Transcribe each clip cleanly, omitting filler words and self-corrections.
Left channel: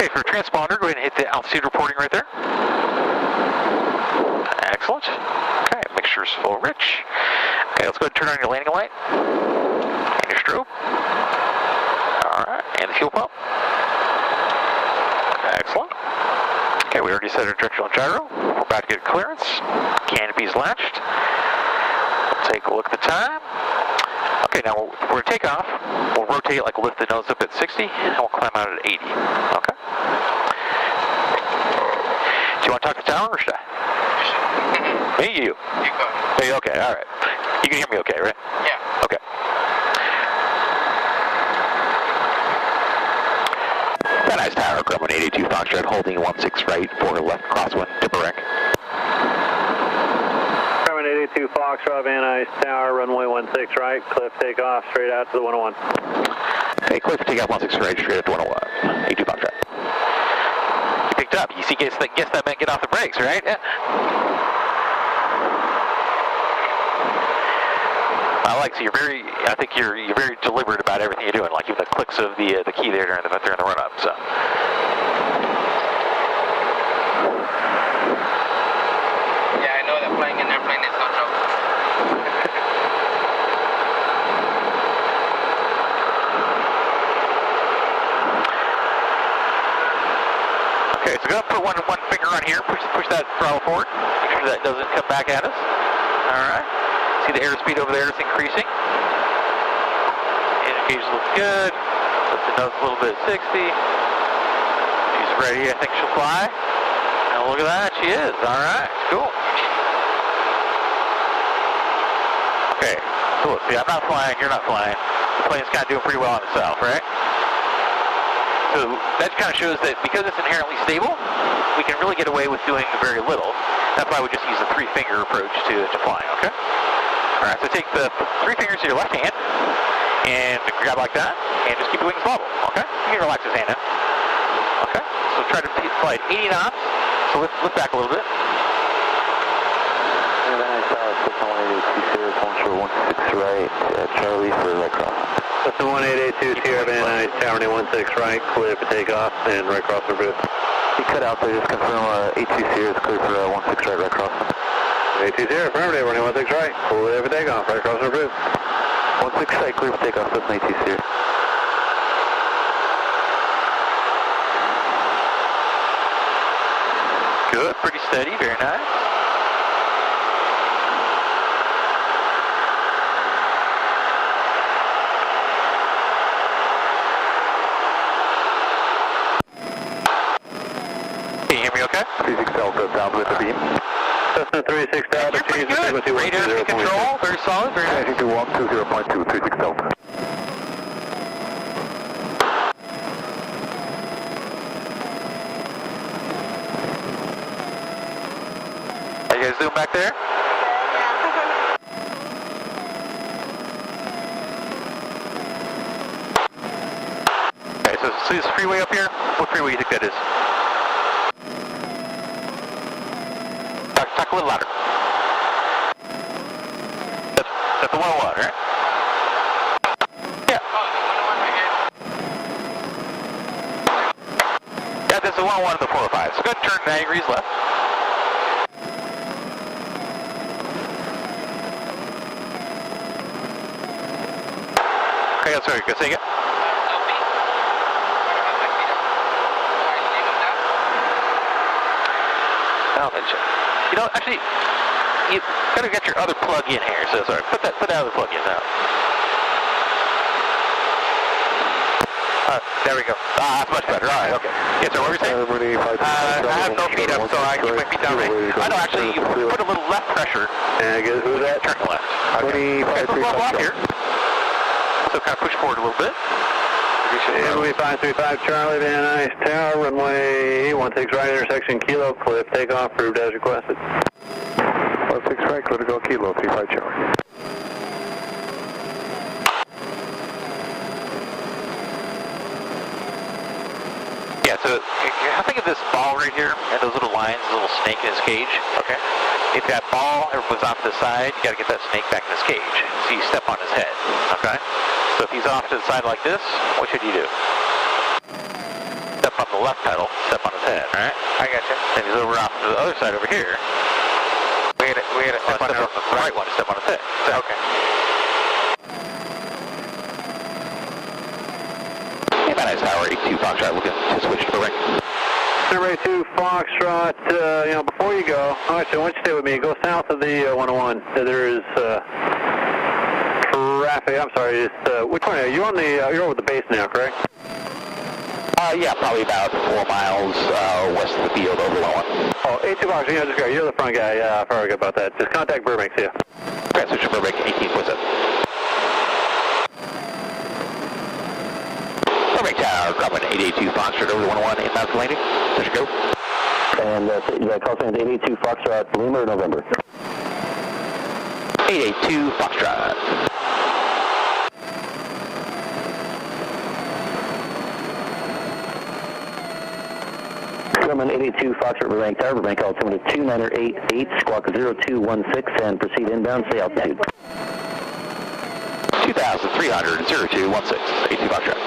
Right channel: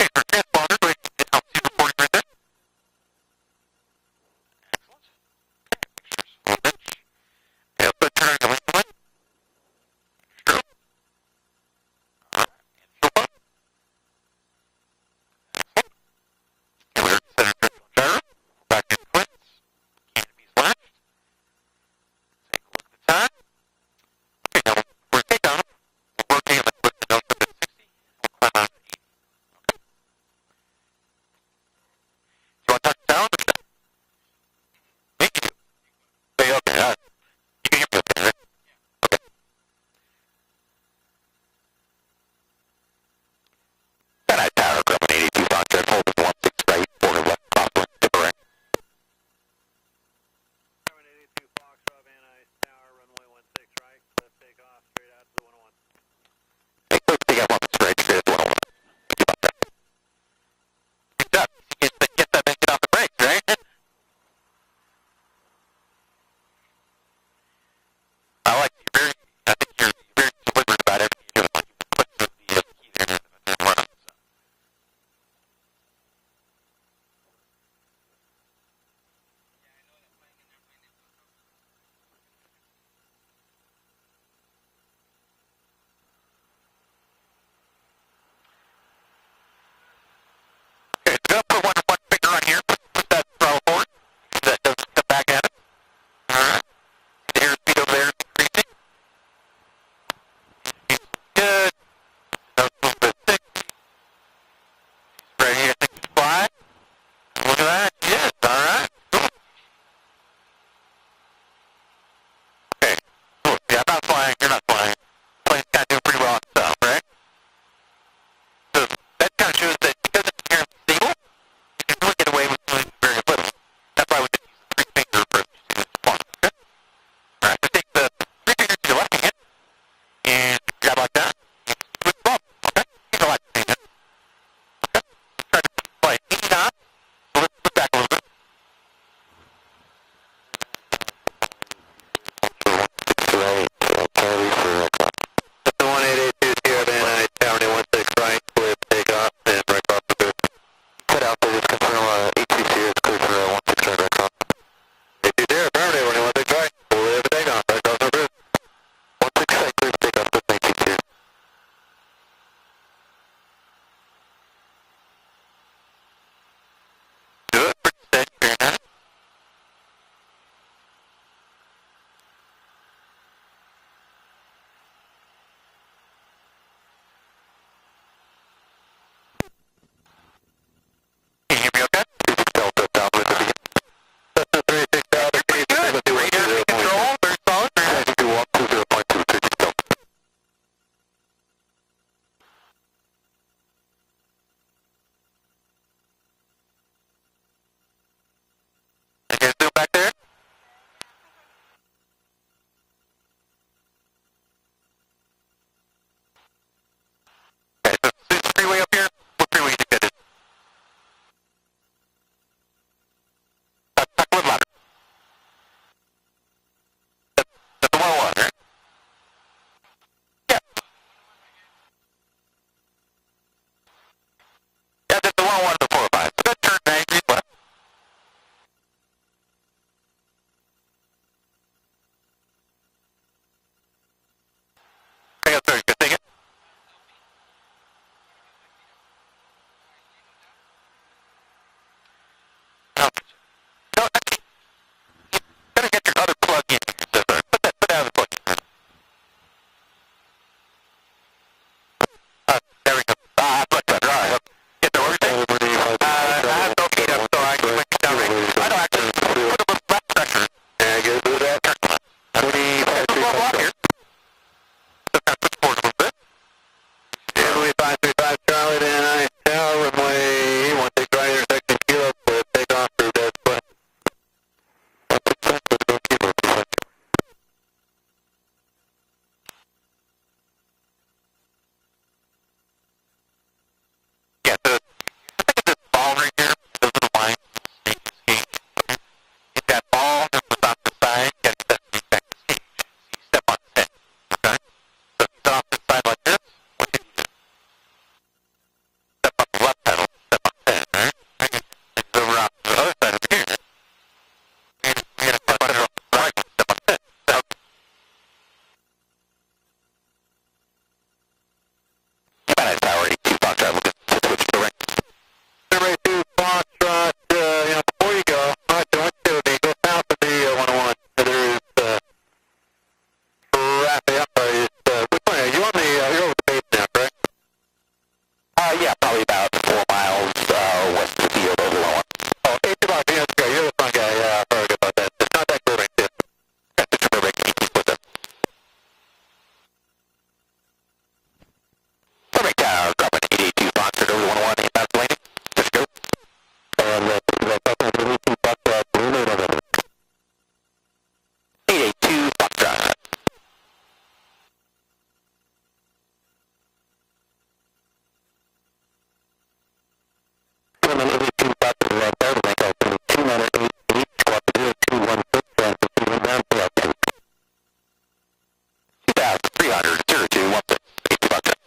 Okay, for transponder, go ahead and hit the altitude reporting right there. Excellent. Okay, mixture's full rich. Okay, let's go ahead and turn on your landing light. And your strobe. Alright, and the fuel pump. Excellent. Okay, we already set our directional gyro. We're about to get clearance. Canopy's latched. We'll take a look at the time. Okay, now we're going to take off. We'll rotate, like lift the nose up at 60, and we'll climb out at 80. Okay. Do you want to talk to Talon or should I? Me, you. You go. Hey, okay, all right. You can hear me okay, right? Yeah. Okay. Van Nuys Tower, Grumman 82 Foxtrot, holding 16 right, 4 left, crosswind, Tipperek. Grumman 82 Foxtrot, Van Nuys Tower, runway 16 right, cliff takeoff, straight out to the 101. Hey, cliff takeoff 16 right, straight at the 101. 82 Foxtrot. You picked up. You see, guess that meant get off the brakes, right? Yeah. I think you're very deliberate about everything you're doing, like even the clicks of the key there during the run up. So. Yeah, I know that flying an airplane is no joke. Okay, so go ahead and put one finger on here, push that throttle forward, make sure that doesn't come back at us. Alright. See the airspeed over there is increasing. Indicators look good. Lift the nose a little bit at 60. She's ready, I think she'll fly. And look at that, she is. Alright, cool. Okay, so look, see, I'm not flying, you're not flying. The plane's kind of doing pretty well on itself, right? So that kind of shows that because it's inherently stable, we can really get away with doing very little. That's why we just use the 3-finger approach to flying, okay? Alright, so take the 3 fingers to your left hand, and grab like that, and just keep the wings level, okay? You can relax his hand in. Okay, so try to fly at 80 knots, so let's lift back a little bit. Right, Charlie for right cross. That's the 1882 Sierra Van Nuys Tower, 16 right, cliff takeoff, and right cross the bridge. You cut out there, just confirm 82 Sierra is clear for 16 right cross. 82 Sierra, affirmative, running 16 right, full clear for takeoff, right cross the bridge. 16 right, clear for takeoff, that's 82 Sierra. Good, pretty steady, very nice. Can you hear me okay? 36 Delta, down with the beam. Cessna 36 Delta, you're pretty good. Radar control, very solid, very nice. 120.2, 36 Delta. Are you guys doing back there? Okay, so see this freeway up here? What freeway do you think that is? Talk a little louder. That's the 101, right? Yeah. Yeah, that's the 101 and the 405. So go ahead and turn 90 degrees left. Okay, sorry, go say again. You know, actually, you gotta get your other plug in here. So sorry, put that other plug in now. There we go. Much better. All right, okay. Yes, sir. What were you saying? I have no feet up, so I keep my feet down right. I know. Actually, you put a little left pressure. And I guess with that. Turn left. Okay. So we'll go off here. So kind of push forward a little bit. Runway 535 Charlie, Van Nuys Tower, runway 16 right, intersection Kilo, cliff, takeoff, approved as requested. 16 right, clear to go Kilo, 35 Charlie. Yeah, so think of this ball right here, and those little lines, the little snake in his cage, okay? If that ball was off to the side, you gotta get that snake back in his cage. So you step on his head, okay? So if he's off to the side like this, what should you do? Step on the left pedal. Nice, Tower 82 Foxtrot, looking to switch to the right. Number 82 Foxtrot, before you go, actually, I want you to stay with me. Go south of the 101. There is traffic. I'm sorry. Which one? Are you on the? You're over the base now, correct? Yeah, probably about 4 miles west of the field over the one. Oh, 82 Foxtrot. Yeah, this guy. You're the front guy. Yeah, I forgot about that. Just contact Burbank. See ya. Okay, switch to Burbank 18.7. Burbank Tower, dropping 882 Foxtrot over the 101 inbound landing. There you go. And the call sign is 882 Foxtrot, Lima, November. 882 Foxtrot. Grumman 882 Foxtrot, Burbank Tower, Burbank altimeter 2988, squawk 0216, and proceed inbound, say altitude. 2,300, 0216, 82 Foxtrot.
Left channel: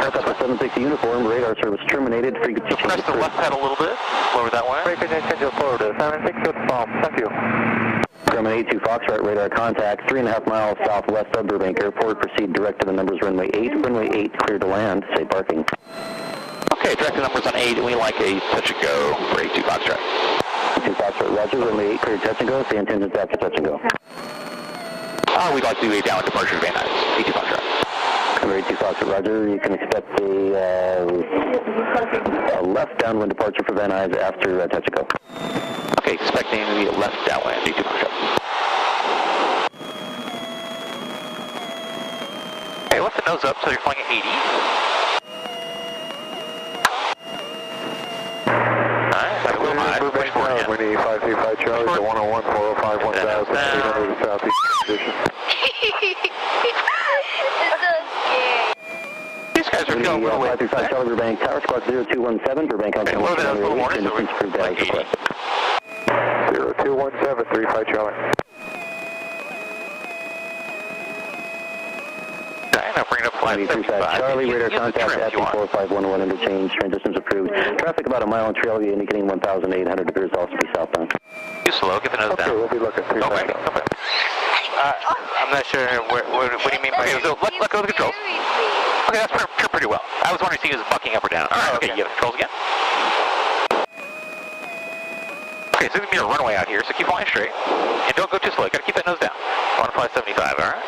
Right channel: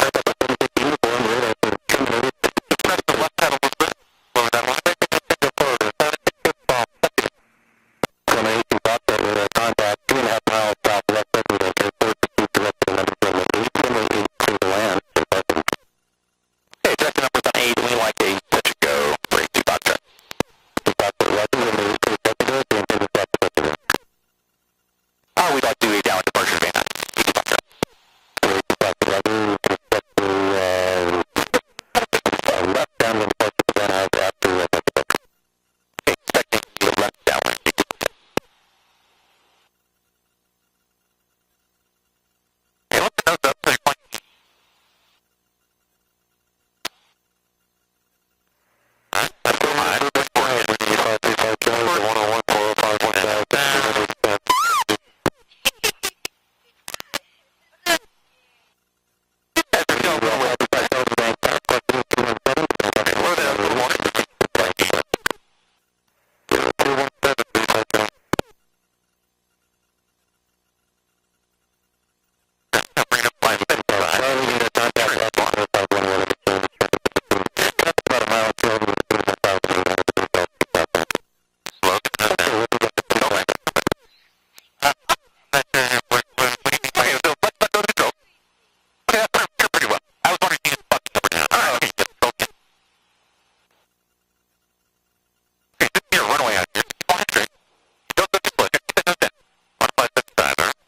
Sharp up to 760 uniform, radar service terminated, frequency Press the left pedal a little bit, lower that one. Frequency change forward to 760 bomb, thank you. Grumman 82 Foxtrot, radar contact, 3.5 miles southwest of Burbank Airport, proceed direct to the numbers runway 8, runway 8, clear to land, say parking. Okay, direct numbers on 8, and we like a touch and go for 82 Foxtrot. 82 Foxtrot, roger, runway 8, clear touch and go, say intended after touch and go. We'd like to do a downwind departure of Van Nuys, 82 Foxtrot. Number 82 Foxtrot, roger, you can expect a left downwind departure for Van Nuys after touch and go. Okay, expecting the left downwind, 82 Foxtrot. Okay, lift the nose up so you're flying at 80. Alright, that's go high. Push forward again. Winnie 535 Charlie, the 101, 405, 1000, 800 southeast position. These guys are going real well. 535 Charlie, Burbank Tower, squawk 0217, Burbank on the What are they, a little more? 0217, 35 Charlie. Now bring it up flight 55. Charlie, radar contact after 4511 interchange, transitions approved. Traffic about a mile in trail, indicating 1,800 degrees southeast southbound. Too slow, get the nose down. Okay, we'll be looking for Okay, okay. I'm not sure, what do you mean by it? So let's let go of the controls. Okay, that's pretty well. I was wondering if he was bucking up or down. Alright, okay, you get the controls again. Okay, so we need a runway out here, so keep flying straight. And don't go too slow, gotta keep that nose down. I want to fly 75, alright?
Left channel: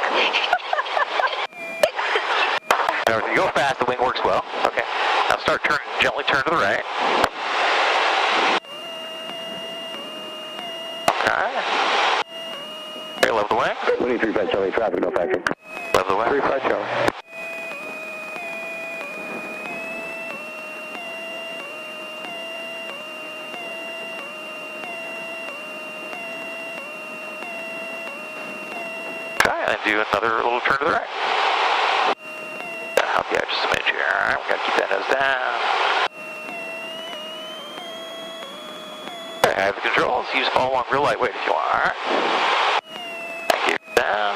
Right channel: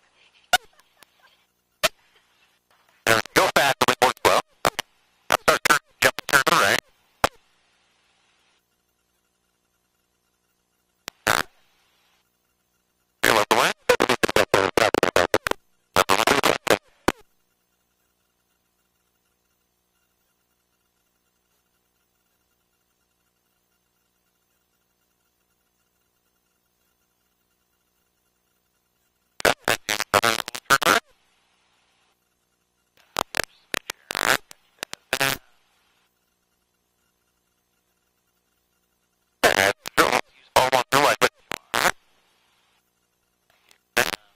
Now, if you go fast, the wing works well. Okay. Now start gently turn to the right. Okay. Okay, level the wing. 23 Charlie, traffic, no factor. Level the wing. 35 Charlie. Okay, and do another little turn to the right. Yeah, just a minute here. Alright, we gotta keep that nose down. Okay, I have the controls. Use follow along real lightweight if you want. Alright. Thank you. Down.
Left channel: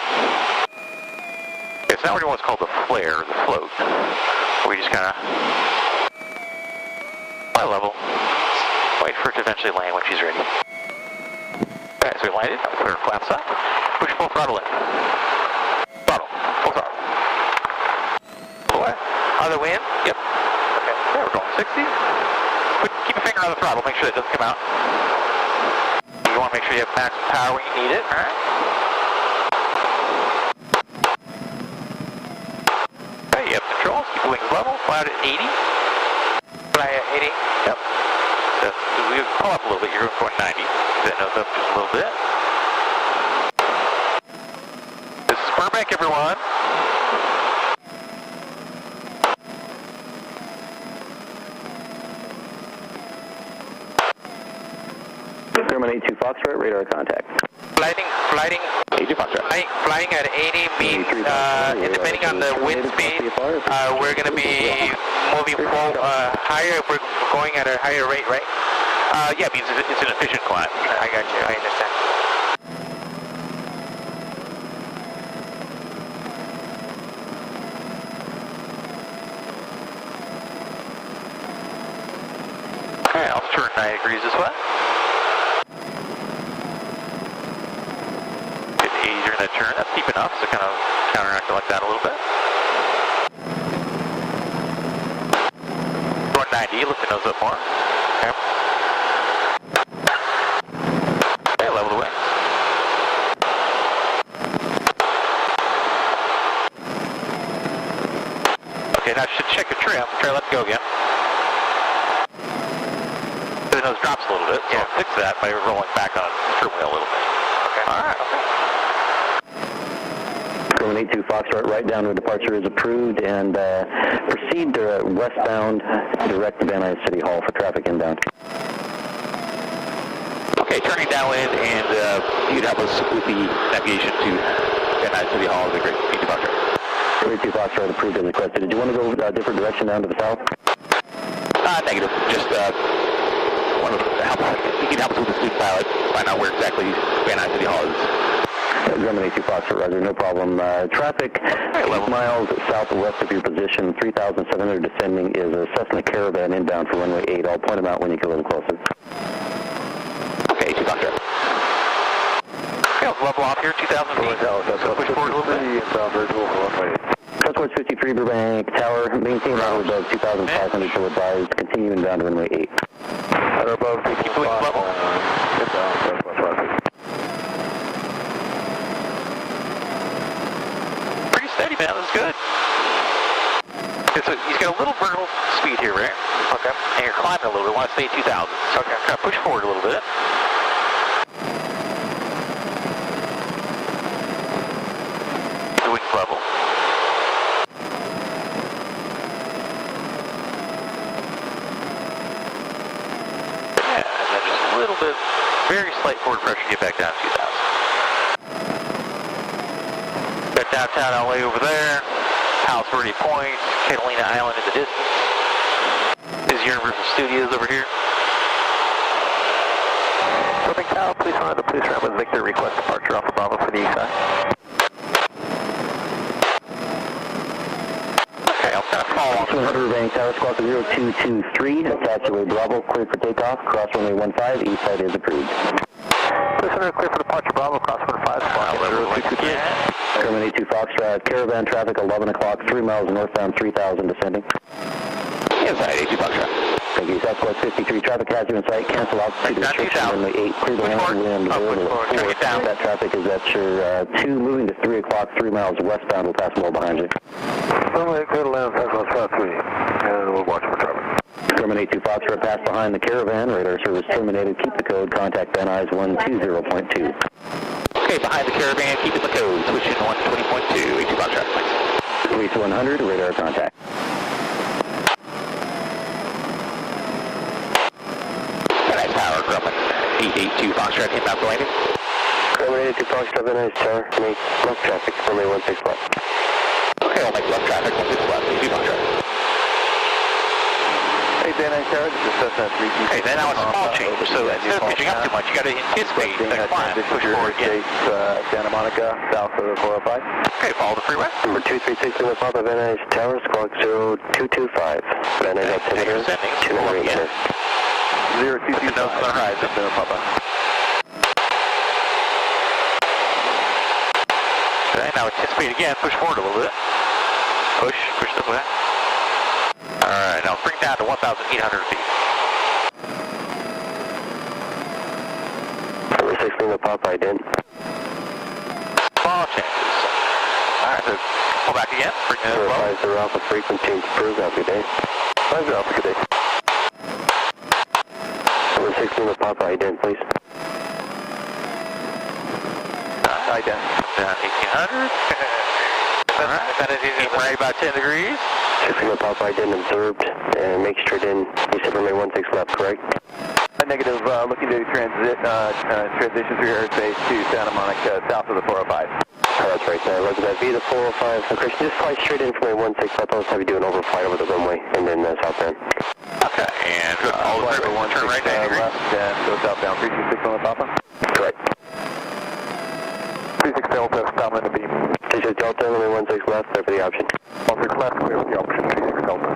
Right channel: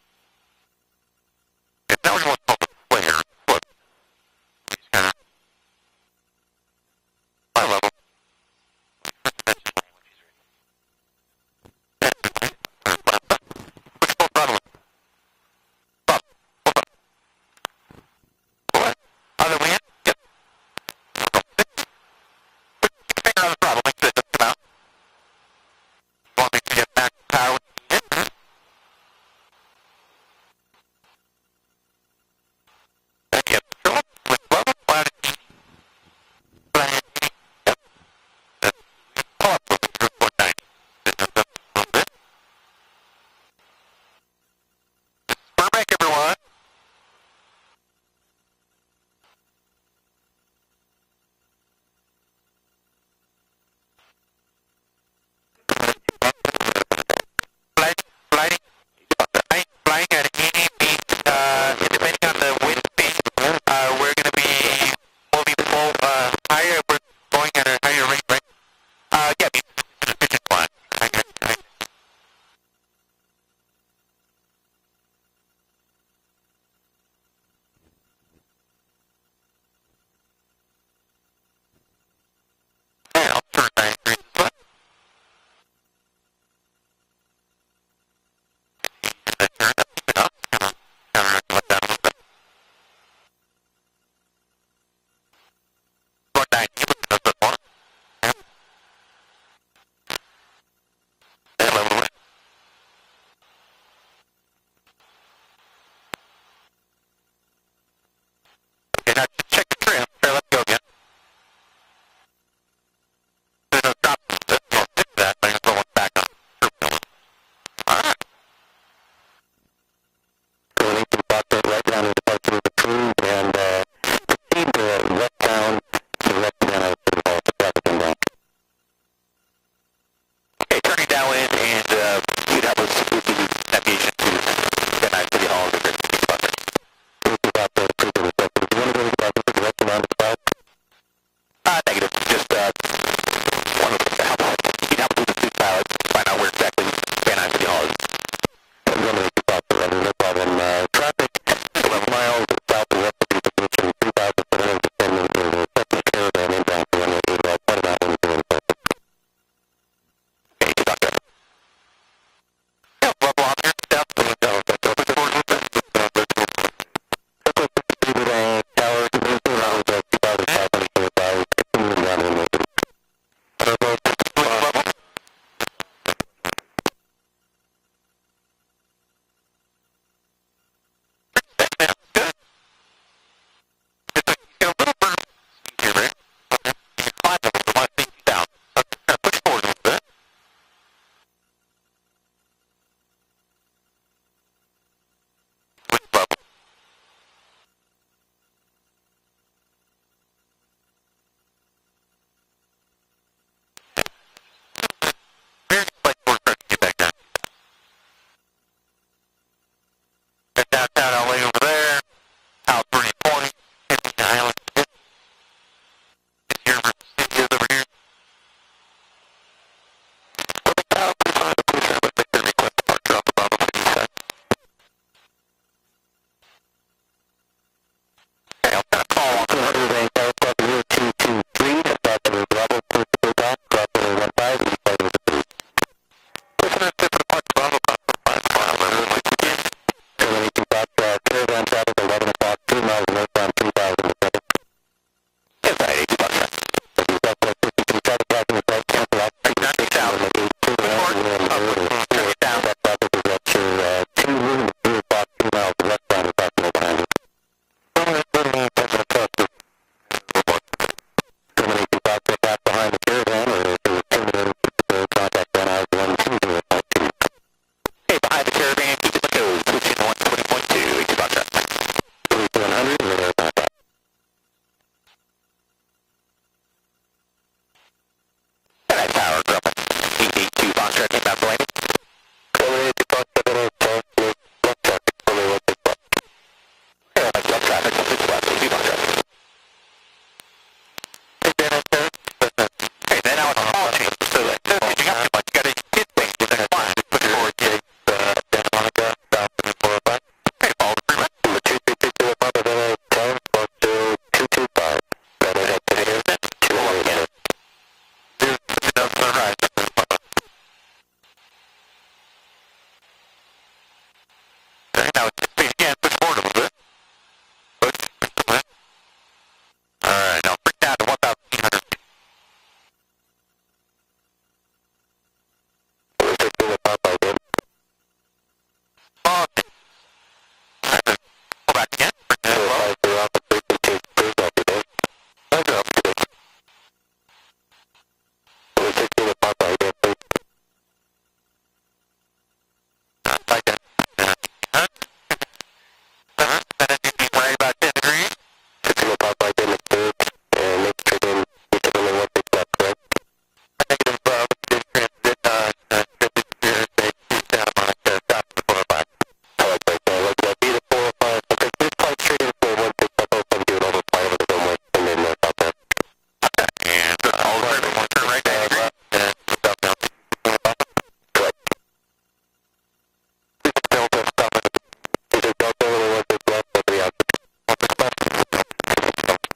Okay, so now we're doing what's called the flare, the float. We just kinda fly level. Wait for it to eventually land when she's ready. Okay, so we landed. Put her flaps up. Push full throttle in. Throttle. Full throttle. What? Other way in? Yep. Okay, we're going 60. Keep your finger on the throttle, make sure it doesn't come out. You want to make sure you have maximum power when you need it, alright? Okay, you have controls, keep the wings level, fly out at 80. Fly at 80, yep. We pull up a little bit, you're going 90. That nose up just a little bit. This is Burbank, everyone. Grumman 82 Foxtrot, radar contact. Flying at 80 means, depending on the wind speed, we're going to be moving higher, we're going at a higher rate, right? Yeah, it means it's an efficient climb. I got you, I understand. Okay, I'll turn 90 degrees this way. Get 80 during that turn, that's deep enough, so kind of counteract like that a little bit. 90, lift the nose up more. Okay. And level the wings. Okay, now just check the trim. Try let's go again. The nose drops a little bit, so I'll fix that by rolling back on the trim wheel a little bit. Okay. Alright. Going 82 Foxtrot, right down to departure is approved, and proceed westbound direct to Van Nuys City Hall for traffic inbound. Okay, turning downwind, and you'd help us with the navigation to Van Nuys City Hall. That'd be great. 82 Foxtrot. 82 Foxtrot approved and requested. Did you want to go a different direction down to the south? Negative. Just wanted to help. You can help us with the student pilot, find out where exactly Van Nuys City Hall is. Grumman 82 Foxtrot, Roger, no problem. Traffic 11 miles southwest of your position, 3,700 descending is a Cessna Caravan inbound for runway 8. I'll point them out when you come in closer. Okay, 82 Foxtrot. Yeah, level off here, 2,000 feet. Push forward a little bit. Southwest 53 Burbank Tower, maintain level above 2,500 to advise, continuing down to runway 8. At or above 50 level. Steady, man. That's good. He's got a little vertical speed here, right? Okay. And you're climbing a little bit. Want to stay 2,000. Okay. I'm trying to push forward a little bit. Keep the wings level. Yeah, and then just a little bit, very slight forward pressure to get back down to 2,000. Got downtown LA over there, Palos Verdes Point, Catalina Island in the distance. This is Universal Studios over here. Southern Cal, please find the police room and make their request departure off of Bravo for the east side. Okay, I'll kind of follow on. 200 Burbank Tower, squawk 0223, Saturday Bravo, clear for takeoff, cross runway 15, east side is approved. Listener, clear for departure Bravo, cross 15, squawk 0223. Grumman 82 Foxtrot, Caravan traffic 11 o'clock, 3 miles northbound, 3,000 descending. Inside 82 Foxtrot. Thank you, Southwest 53, traffic hazard in sight, cancel out, speed restriction, runway 8, clear the land, wind, over 4. That traffic is at your 2, moving to 3 o'clock, 3 miles westbound, across mill behind you. Runway clear to land, head on south 3, and we'll watch for traffic. Grumman 82 Foxtrot, pass behind the Caravan, radar service terminated, keep the code, contact Van Nuys 120.2. Okay, behind the Caravan, keeping the code, switching 120.2, 82 Foxtrot. 3 to 100, radar contact. Van Nuys Tower, Grumman 882 Foxtrot, inbound for landing. Grumman 82 Foxtrot, Van Nuys Tower, make left traffic, runway 16 left. Okay, I'll make left traffic, 16 left, 82 Foxtrot. Hey, Van Nuys Tower, this is Cessna 3. Okay, then now it's small change, so instead of pitching up too much, you got to anticipate the climb, push forward again. Santa Monica, south of 405. Okay, follow the freeway. Number 236 in the Papa, Van Nuys Tower, squawk 0225. Van Nuys activity here, 298. 022 nose sunrise up there, Papa. Okay, now anticipate again, push forward a little bit. Push the way. Alright, now bring down to 1,800 feet. Number 6 in the Papa, I did. Small changes. Alright, so pull back again, bring that low. 50 Alpha frequency improved out today. 50 Alpha, good day. Number 6 in the Papa, I did, please. I done 1,800. Alright, that is right about 10 degrees. 6 in the Papa, I didn't observed, and make straight in. You said runway 16 left, correct? Negative, looking to transition through airspace to Santa Monica, south of the 405. Oh, that's right. Look at that. Via the 405. So, Chris, just fly straight in from runway 16 left. I'll have you do an overflight over the runway, and then southbound. Okay, and all the way, turn right 90 degrees. Left, and go southbound, 326 on the Papa. Correct. 36 Delta, downwind to beam. 36 Delta, runway 16 left. That's the option. 16 left, that's the option. 36 Delta.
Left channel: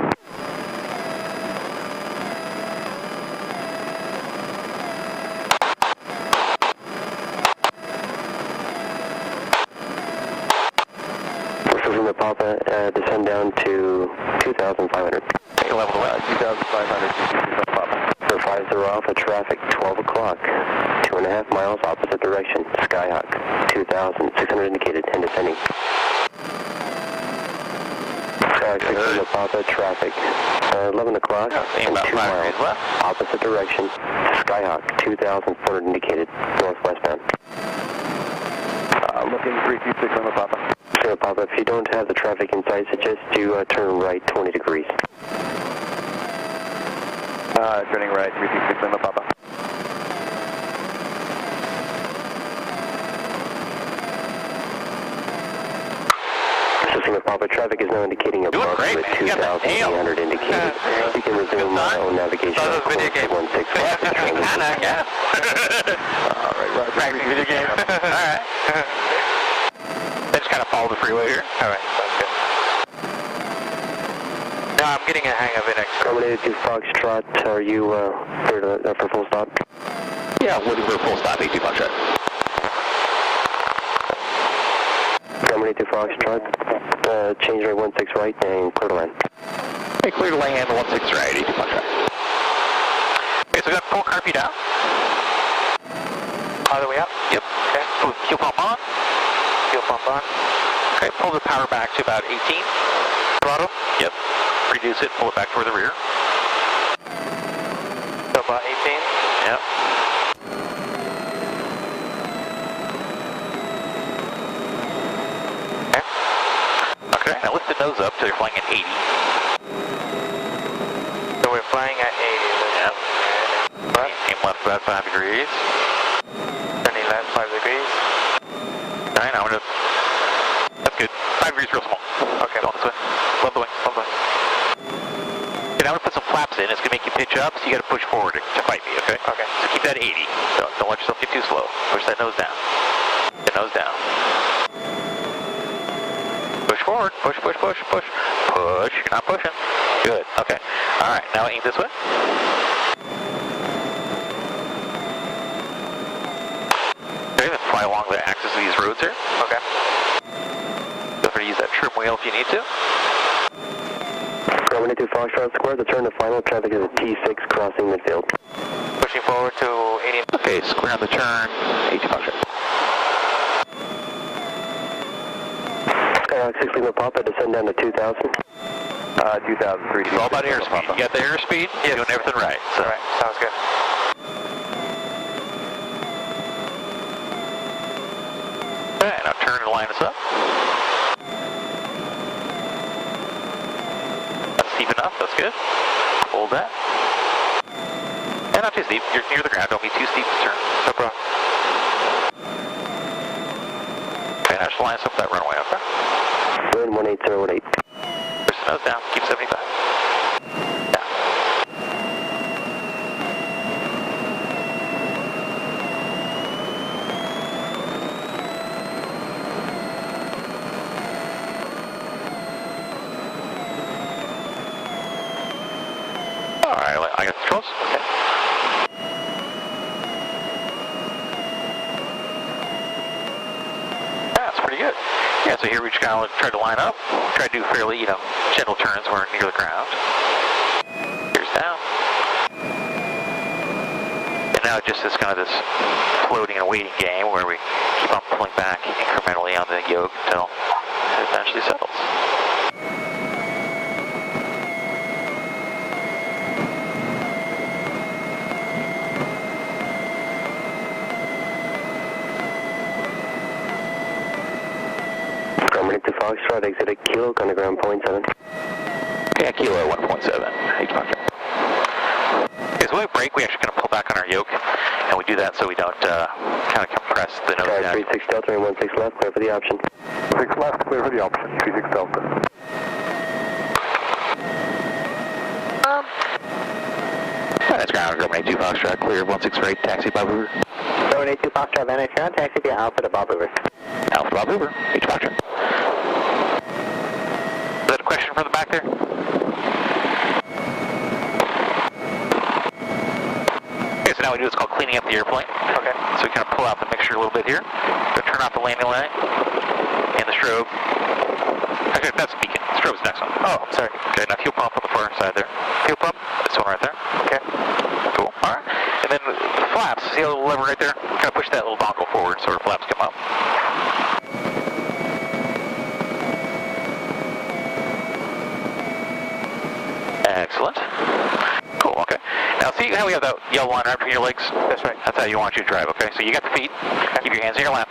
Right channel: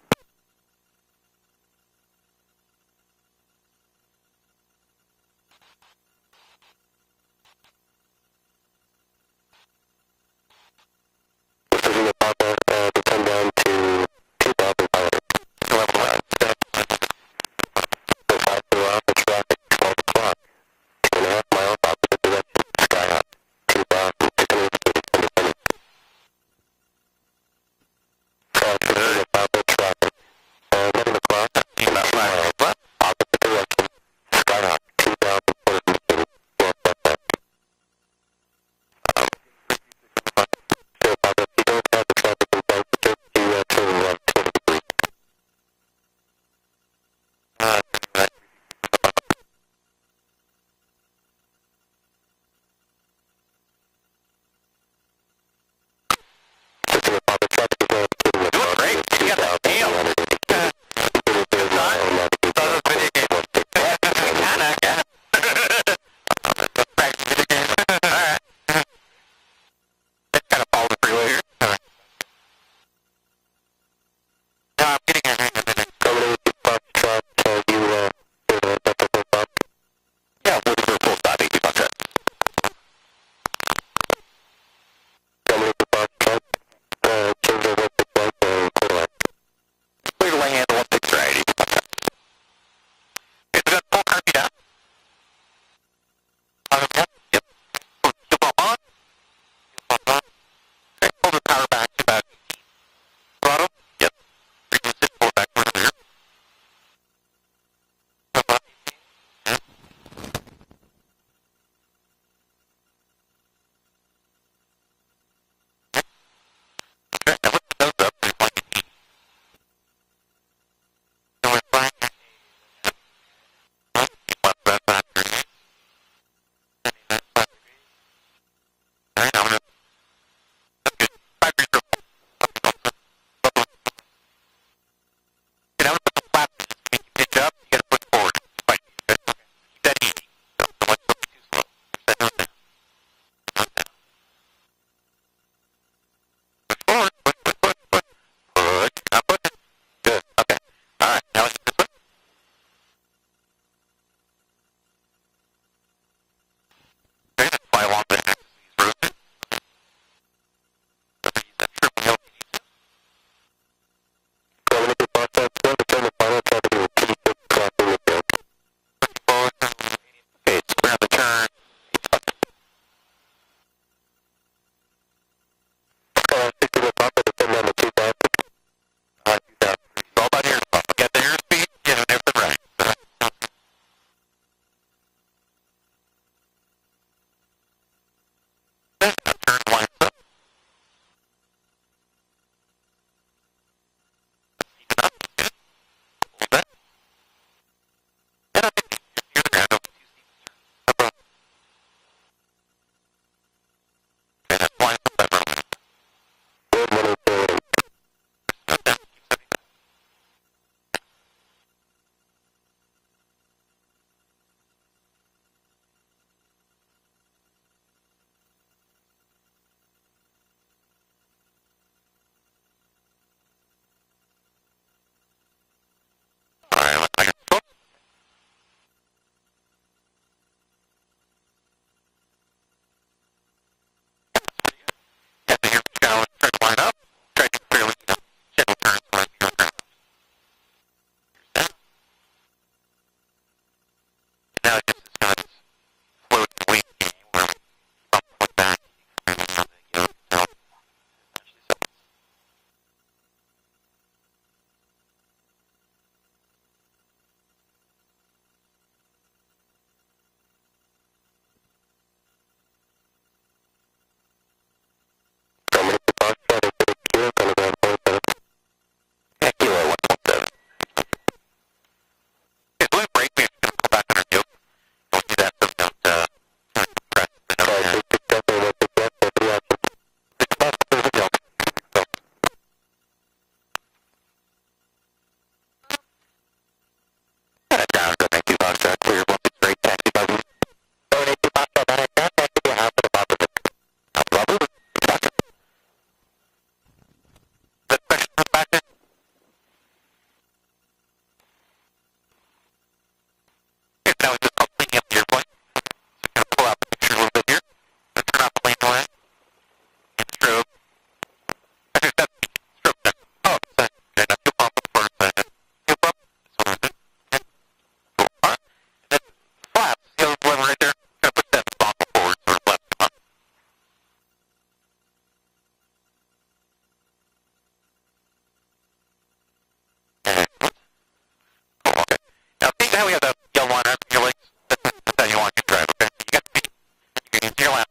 From the Papa, descend down to 2,500. Fox. Aim about 5 degrees left. Opposite direction. Skyhawk 2,400 indicated. Northwestbound. Looking 326 on the Papa. So Papa, if you don't have the traffic in sight, suggest you turn right 20 degrees. Turning right 326 on the Papa. Assisting with Papa, traffic is now indicating approximately 2,800 indicated. You can resume on navigation on course 16 left. Kinda, yeah. Alright, practicing video games. Alright. I just kind of follow the freeway here. Alright. Now I'm getting a hang of it. Accommodated to Foxtrot, are you clear for full stop? Yeah, looking for a full stop, 82 Foxtrot. Accommodated to Foxtrot, change at 16 right and clear to land. Hey, clear to land, 16 right, 82 Foxtrot. Okay, so we got full car feet out. All the way up? Yep. Okay, pull the fuel pump on. Fuel pump on. Okay, pull the power back to about 18. Throttle? Yep. Reduce it, pull it back toward the rear. So about 18? Yep. Okay. Okay, now lift the nose up so you're flying at 80. So we're flying at 80. Yep. Right. Aim left about 5 degrees. Turning left 5 degrees. Alright, now I'm gonna... That's good. 5 degrees real small. Okay, on this way. Leveling. Okay, now I'm gonna put some flaps in. It's gonna make you pitch up, so you gotta push forward to fight me, okay? Okay. So keep that 80. Don't let yourself get too slow. Push that nose down. Get nose down. Push forward. Push. Push. You're not pushing. Good. Okay. Alright, now aim this way. Okay, then fly along the axis of these roads here. Okay. Feel free to use that trim wheel if you need to. Accommodated to Foxtrot Square, the turn to final traffic is T6 crossing midfield. Pushing forward to 80. Okay, square on the turn, 80 Foxtrot. 60 with Papa, descend down to 2,000. 2003. It's all about airspeed. You got the airspeed, you're doing everything right. So. Right, sounds good. Okay, now turn and line us up. That's steep enough, that's good. Hold that. And not too steep, you're near the ground, don't be too steep to turn. No problem. Okay, now just line us up that runway, okay? Good, 180.8. Push the nose down, keep 75. Down. Alright, I got the controls. Okay. That's pretty good. Yeah, so here we just kind of try to line up, try to do fairly, gentle turns where we're near the ground. Here's down. And now it just is kind of this floating and waiting game where we keep on pulling back incrementally on the yoke until it eventually settles. Accommodated to Foxtrot, exit at Kilo, going to ground 0.7. Yeah, Kilo 1.7. Okay, so when we brake, we actually kind of pull back on our yoke, and we do that so we don't kind of compress the nose down. 36 Delta and 16 left, clear for the option. 6 left, clear for the option. 36 Delta. That's ground, go 2 Foxtrot, clear 16 right, taxi Bob Uber. 782 Foxtrot, then it's ground, taxi to Alpha to Bob Uber. Alpha Bob Uber, 8 Foxtrot. Is that a question from the back there? Okay, so now we do what's called cleaning up the airplane. Okay. So we kind of pull out the mixture a little bit here. So turn off the landing light and the strobe. Actually, that's the beacon. The strobe's the next one. Oh, sorry. Okay, now fuel pump on the far side there. Fuel pump, this one right there. Okay. Cool. Alright. And then the flaps, see the little lever right there? Kind of push that little dongle forward so the flaps come up. Excellent. see how we have that yellow line right between your legs? That's right. That's how you want you to drive, okay? So you got the feet, keep your hands in your lap,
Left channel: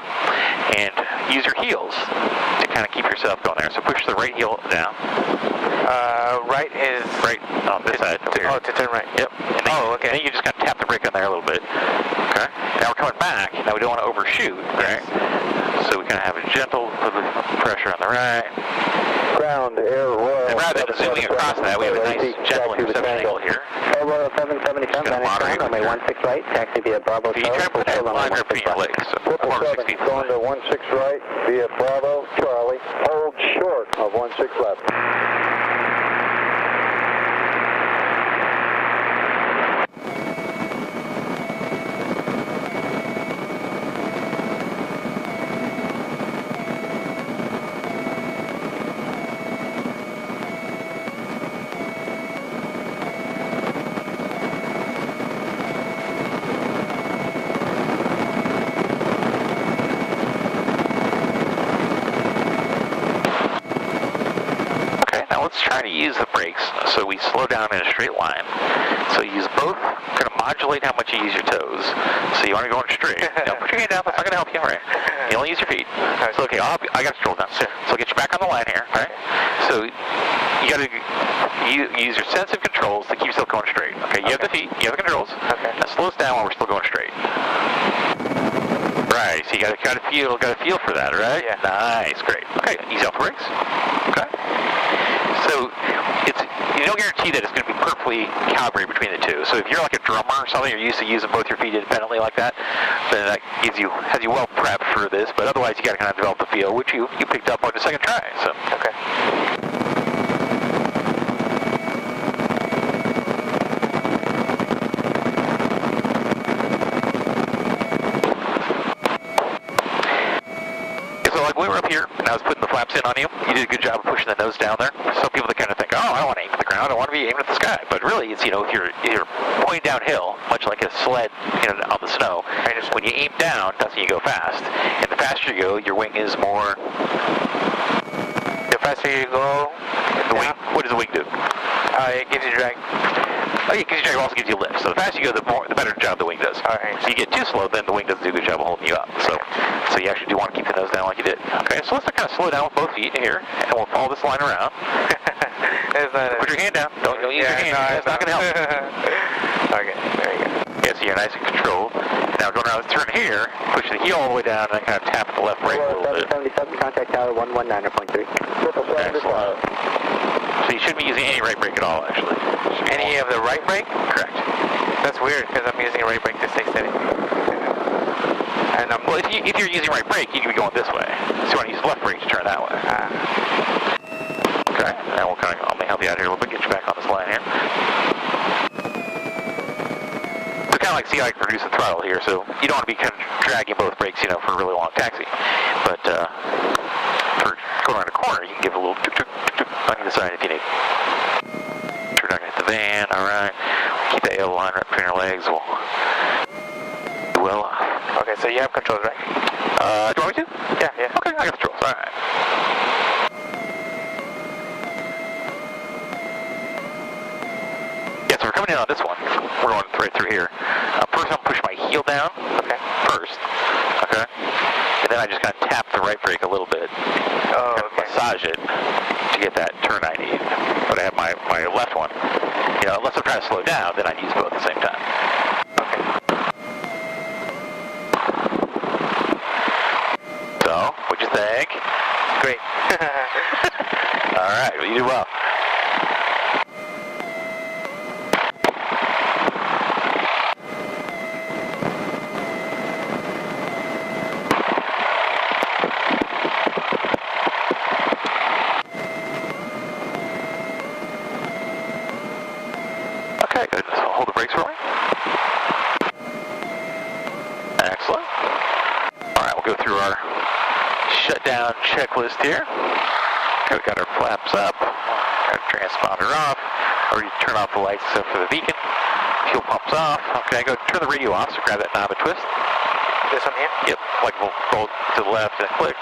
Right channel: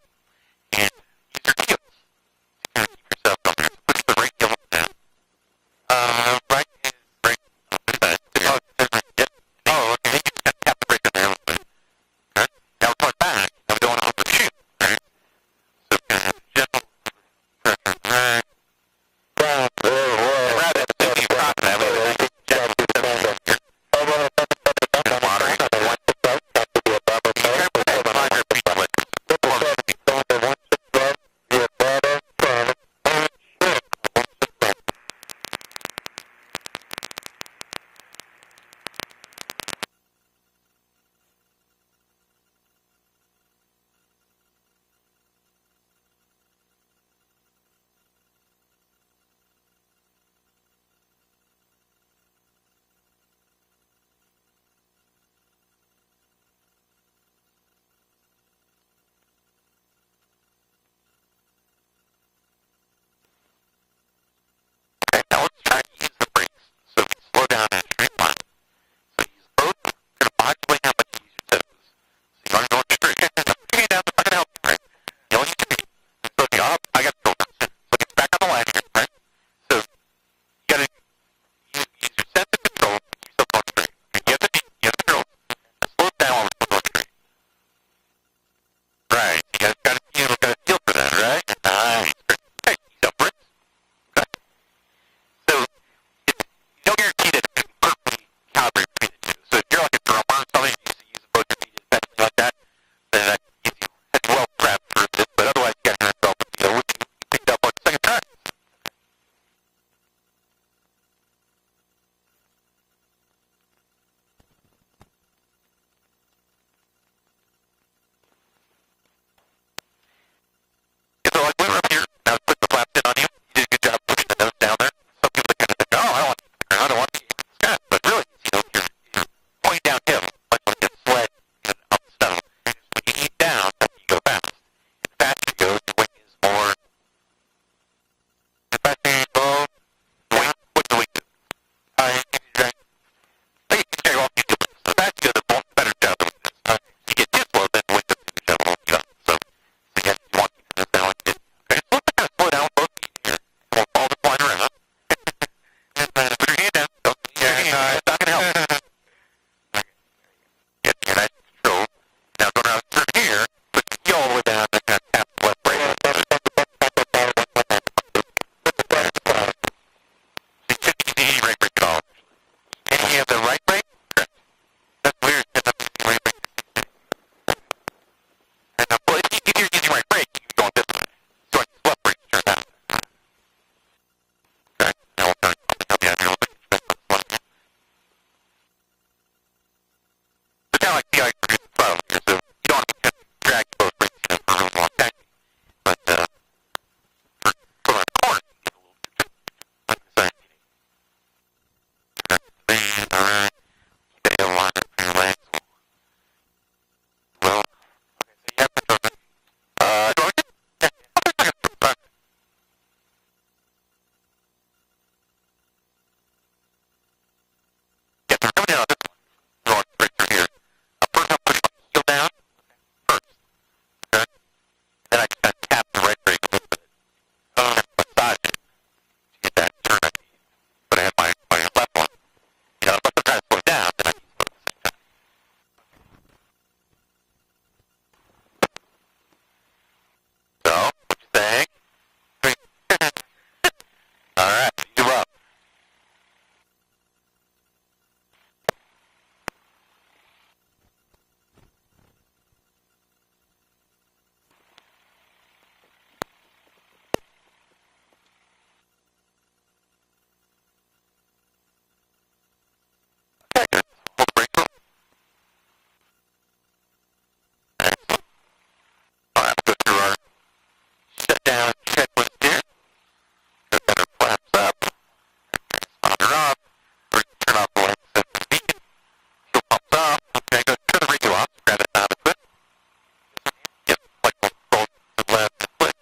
and use your heels to kind of keep yourself going there. So push the right heel down. Right is... Right on this side. Oh, to turn right. Yep. And then, Oh, okay. And then you just got to tap the brake on there a little bit. Okay? Now we're coming back. Now we don't want to overshoot, right? So we kind of have a gentle pressure on the right. Ground, And rather than zooming across that, we have a nice gentle interception angle here. Bravo 770, come down moderate. runway 16 right, taxi via Bravo So you try to put that line right between your legs. So 4 6 going to 16 right via Bravo Charlie, hold short of 16 left. Let's try to use the brakes so we slow down in a straight line. So use both, kind of modulate how much you use your toes. So you want to go in straight. Now put your hand down, that's not going to help you, right? You only use your feet. So okay, I got to scroll down. So I'll get you back on the line here, right? So you got to use your sense of controls to keep yourself going straight. Okay, you have the feet, you have the controls. Okay. Now slow us down while we're still going straight. Right, so you got to feel for that, right? Yeah. Nice, great. Okay, ease off the brakes. Okay. So you don't guarantee that it's going to be perfectly calibrated between the two. So if you're like a drummer or something, you're used to using both your feet independently like that, then that has you well prepped for this. But otherwise, you got to kind of develop a feel, which you picked up on the second try. So Okay. So like when we're up here, and I was putting the flaps in on you, you did a good job of pushing the nose down there. Some people that kind of think, oh, I don't want to aim at the ground, I want to be aiming at the sky. But really, it's, if you're pointing downhill, much like a sled, on the snow, when you aim down, that's when you go fast. And the faster you go, your wing is more. The faster you go, The wing. What does the wing do? it gives you drag. Oh, yeah, it gives you drag, also gives you lift. So the faster you go, the better job the wing does. Alright. So you get too slow, then the wing doesn't do a good job of holding you up. So you actually do want to keep the nose down like you did. Okay, so let's kind of slow down with both feet here, and we'll follow this line around. Put your hand down. Don't use your hand. No, it's not going to help. Okay, there you go. Yeah, so you're nice and controlled. Now going around the turn here, push the heel all the way down, and kind of tap the left brake a little bit. 777, contact tower 119.3. So you shouldn't be using any right brake at all, actually. Any of the right brake? Correct. That's weird, because I'm using a right brake to stay steady. And well, if you're using right brake, you can be going this way. So you want to use left brake to turn that way. Okay. Now let me help you out here a little bit, get you back on this line here. So kind of like see how I can reduce the throttle here. So you don't want to be kind of dragging both brakes, for a really long taxi. But for going around a corner, you can give a little tuk tuk tuk tuk on either side if you need. You're not going to hit the van. All right. Keep that yellow line right between your legs. We'll do well. Okay, so you have control, right? Do you want me to? Yeah. Okay, I got the controls. All right. Yeah, so we're coming in on this one. We're going right through here. First, I'm pushing my heel down. Okay. First. Okay. And then I just kind of tap the right brake a little bit. Oh, and okay. massage it to get that turn I need. But I have my left one. Unless I'm trying to slow down, then I'd use both at the same time. Okay. So, what'd you think? Great. All right, well, you do well. Okay, good. So hold the brakes for me. Excellent. All right, we'll go through our shutdown checklist here. Okay, we got our flaps up, got our transponder off, already turn off the lights except for the beacon. Fuel pump's off. Okay, go turn the radio off, so grab that knob and twist. This one here? Yep, like we'll roll to the left and click.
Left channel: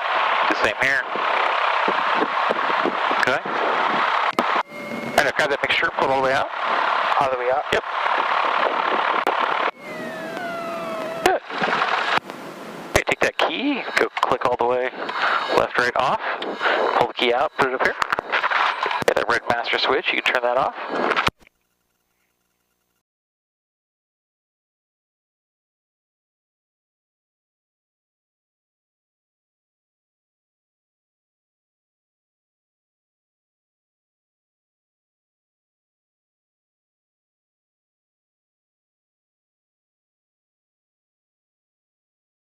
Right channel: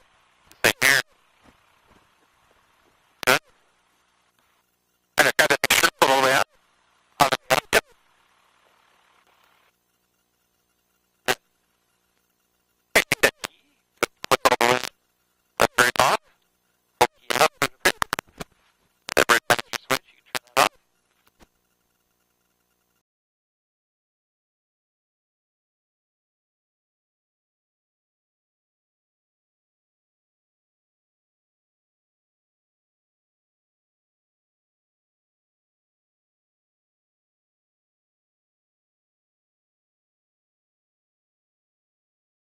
Do the same here.